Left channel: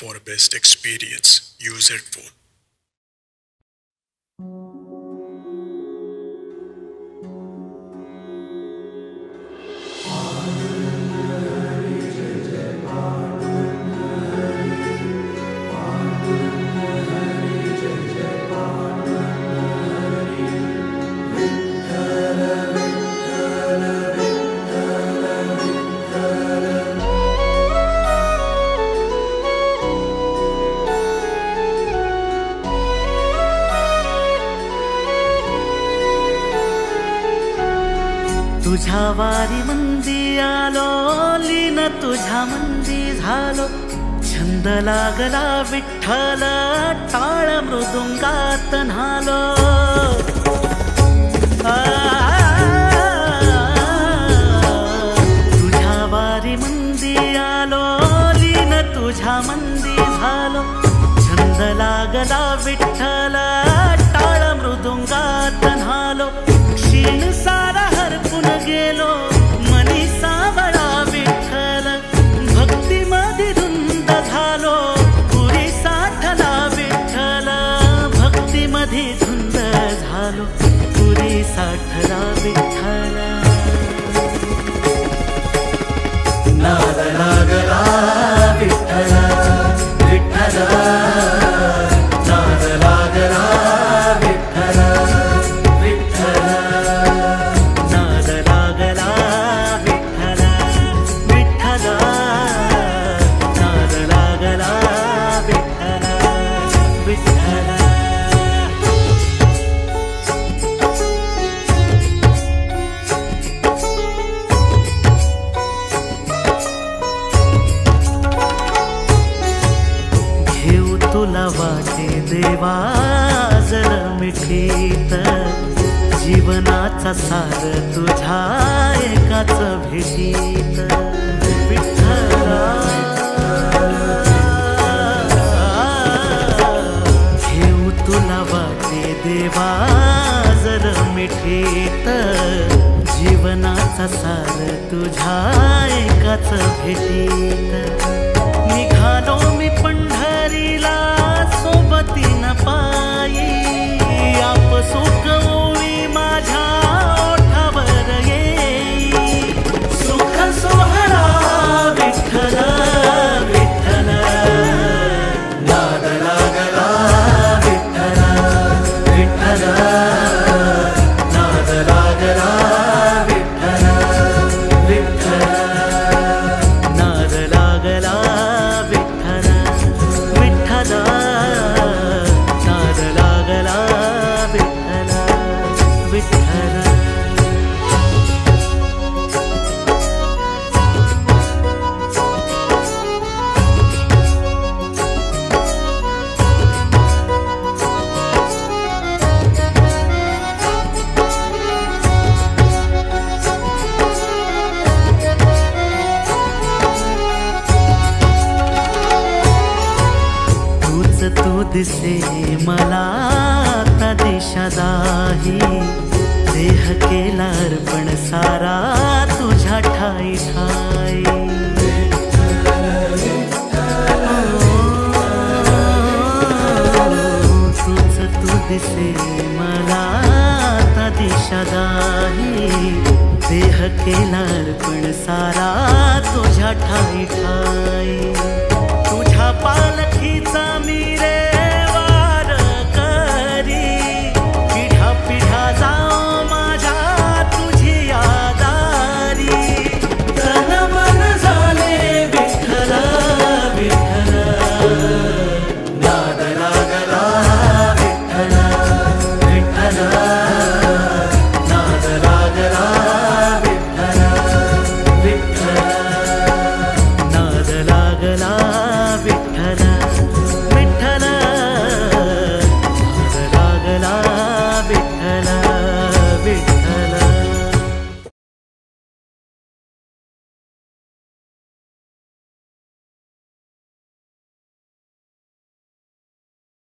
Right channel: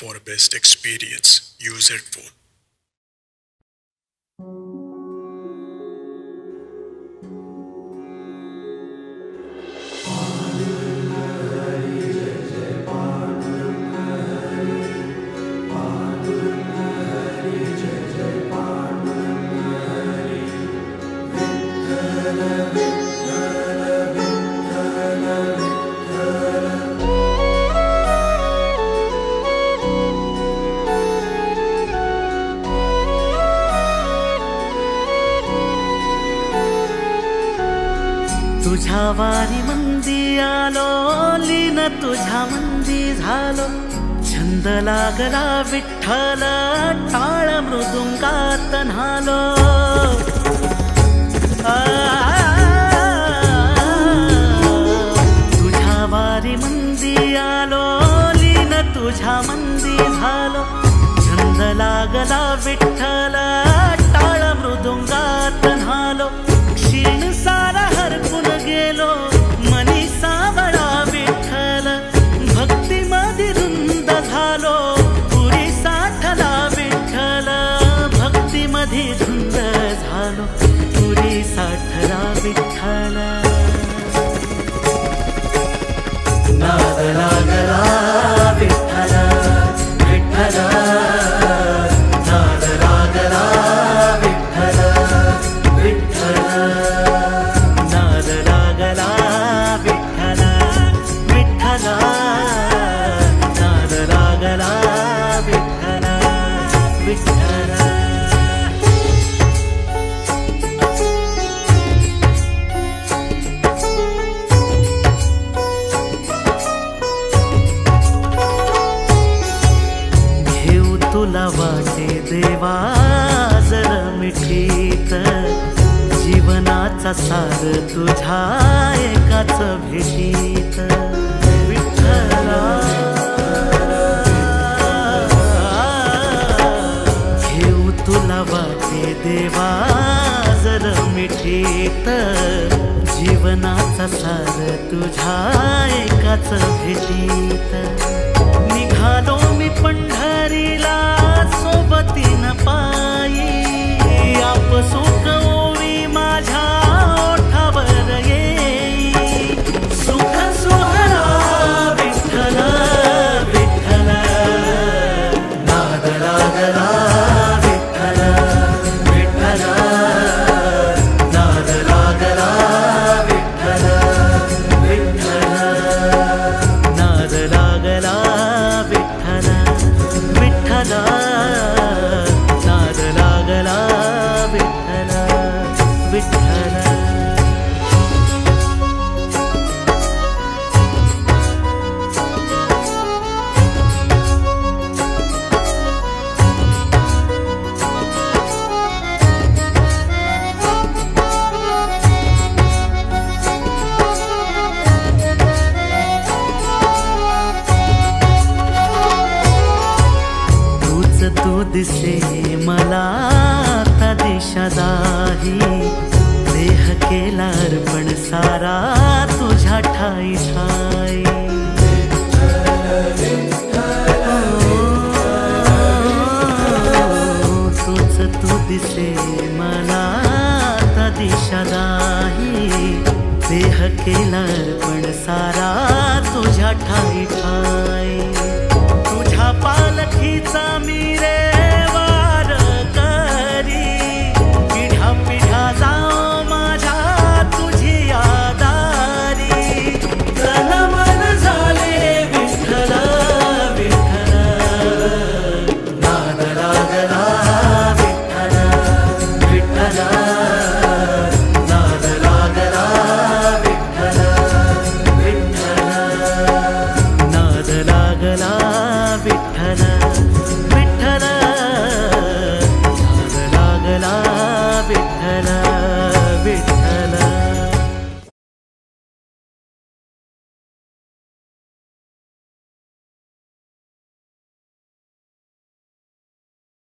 For best experience, use headphone. तुझ्या वारी मंदी आलो, लीन तुझ्या मंदी झालो, छंद लागला विठ्ठल, टाळ मृदुंगात न्हालो। तुझ्या वारी मंदी आलो, लीन तुझ्या मंदी झालो, छंद लागला विठ्ठल, टाळ मृदुंगात न्हालो। क्षीण सारा हरपून गेलो, मनी सावळा विठ्ठल, भक्ती मध्ये धुंद झालो, पुरी साठला विठ्ठल, भक्ती मध्ये धुंद झालो, पुरी साठला विठ्ठल। नाद लागला विठ्ठल विठ्ठल, नाद लागला विठ्ठल विठ्ठल, नाद लागला विठ्ठल विठ्ठल, नाद लागला विठ्ठल विठ्ठल। घेऊ तुला वाटे देवा जर मिठीत, जीवनाचा सार तुझ्या एकाच भेटीत विठ्ठला। घेऊ तुला वाटे देवा जर मिठीत, जीवनाचा सार तुझ्या एकाच भेटीत। निघालो मी पंढरीला सोबतीन पायी, आप सुख ओवी माझ्या ओठावर येई, सुख सोहळा विठ्ठल विठ्ठल, नाद लागला विठ्ठल विठ्ठल, नाद लागला विठ्ठल विठ्ठल, नाद लागला विठ्ठल विठ्ठल, नाद लागला विठ्ठल विठ्ठल। तू दिसे मला आता दिशा दाही, देह केला अर्पण सारा तुझ्या ठाई ठाई। तूच तू दिसे मला आता दिशा दाही, देह केला अर्पण सारा तुझ्या ठाई ठाई। तुझ्या पालखीचा मी रे वार करी, पिढ्या पिढ्या जाओ माझ्या तुझी यादारी, तन मन झाले विठ्ठल विठ्ठल, नाद लागला विठ्ठल विठ्ठल, नाद लागला विठ्ठल विठ्ठल, नाद लागला विठ्ठल विठ्ठल, नाद लागला विठ्ठल।